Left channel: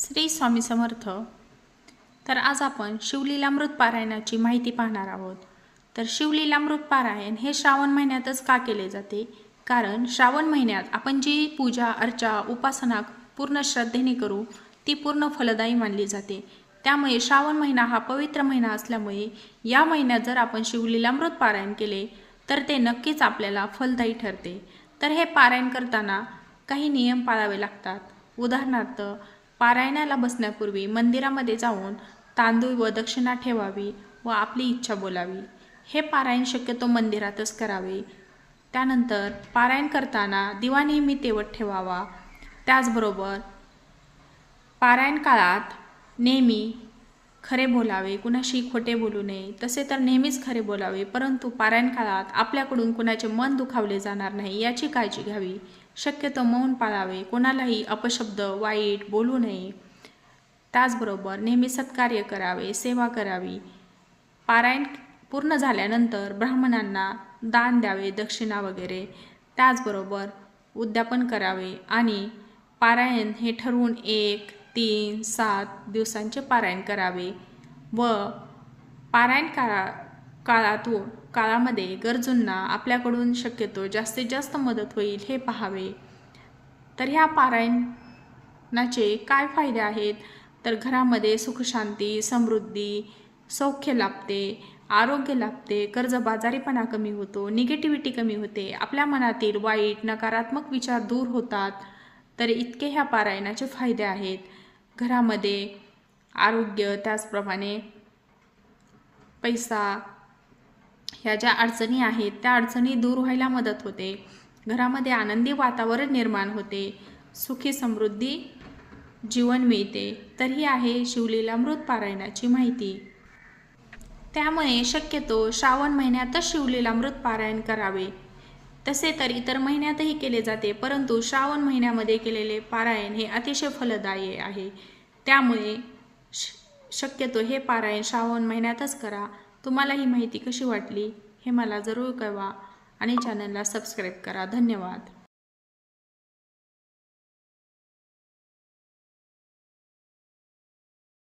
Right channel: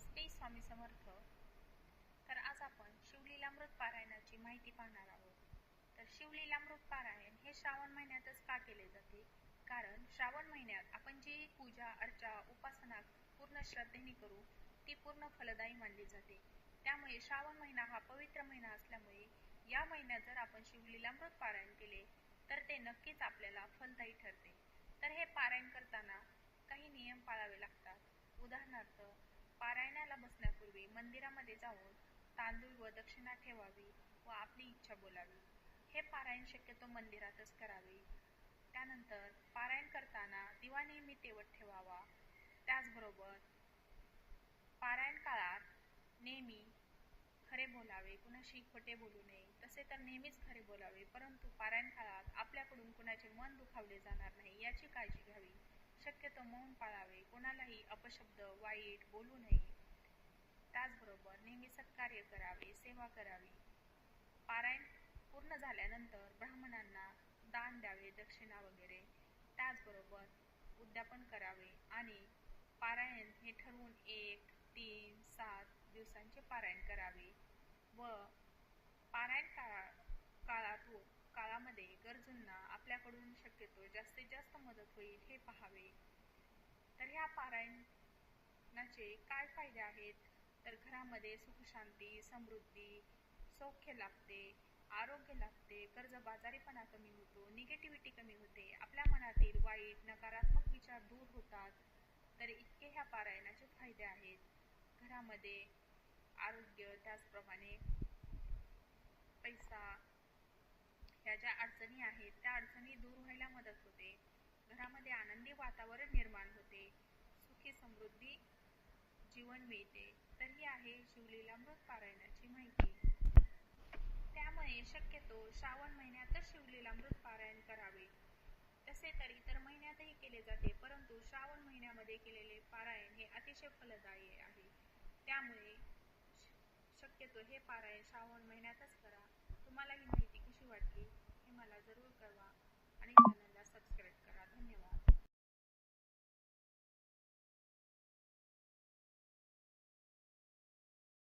श्री स्वामी समर्थ। तर आज आपण शिवलीलामृत पारायणाची माहिती पाहणार आहोत। तर शिवलीलामृत पारायण हे श्रावण महिन्यातच का केले जाते? कारण श्रावण महिन्यात आपण जी पूजा अर्चा उपासना पूर्ण श्रद्धेने करू ती पूर्ण फलदायी मानली जाते। त्यामुळे श्रावण महिना हा पवित्र महिना असल्यामुळे या महिन्यात जर आपण शिवलीलामृत पारायण केले तर ते नक्कीच आपल्याला फलदायी ठरते। तर हे पारायण करताना काही नियम पाळावे लागतात। उदाहरणार्थ, पारायणाला बसण्यापूर्वी मंदिरामध्ये जाऊन तांदूळ व दक्षिणा ठेवावी व आपली इच्छा बोलावी। हे पारायण शक्यतो मंदिरातच करावे। त्यानंतर पारायण करताना दिवा नेहमी तेवत ठेवावा। त्याचबरोबर पारायण काळात नेहमी खरे बोलावे, कुणाशी खोटे बोलू नये। तसे तर नेहमीच खरे बोलावे, परंतु पारायण काळात आपल्याकडून कुणाचे मन दुखावले जाणार नाही याची काळजी घ्यावी। शक्यतो मौन पाळावे, कोणालाही अपशब्द वाईट बोलू नये। त्याचबरोबर नेहमी सत्कार्य करावे, सेवा करावी। पारायण पूर्ण झाल्यानंतर ब्राह्मणांना दान द्यावे, दक्षिणा वगैरे। त्याचबरोबर उद्यापन करावे आणि पारायण हे ठरवून 1, 3, 7 दिवसांचे पारायण करावे व पारायण काळामध्ये गरजूंना आपल्याकडून शक्यतो जास्तीत जास्त मदत होईल हे पाहावे। तर ह्या पारायणाचे काय फायदे आहेत? तर घरामध्ये सुखशांती, समृद्धी, सौख्य लाभते, आरोग्य लाभते, कर्जबाजारीपणा कमी होतो, निगेटिव्हिटी कमी होते, आपल्या मनातील वाईट नकारात्मक विचार दूर होतात। तर इतके ह्या पारायणाचे फायदे आहेत। घरामध्ये आरोग्य, त्याचप्रमाणे पैसा, ह्या ज्या अडचणी आहेत त्या अडचणी दूर व्हायला मदत होते। घरामध्ये आनंदी वातावरण निर्माण होते, सुखी समृद्धी जीवन मिळते। तर ही आहे शिवलीलामृत पारायणाची माहिती। त्यामुळे शक्यतो श्रावण महिन्यातच शिवलीलामृत पारायण करावे। तसे तर इतर महिन्यातही केले जाते, परंतु श्रावण महिन्यामध्ये केलेले पारायण हे अतिशय फलदायी आहे। त्यामुळे शक्यतो हे पारायण श्रावण महिन्यातच करा। तुम्हाला ही माहिती कशी वाटली हे मला जरूर कळवा आणि चॅनलला सबस्क्राईब करा। धन्यवाद।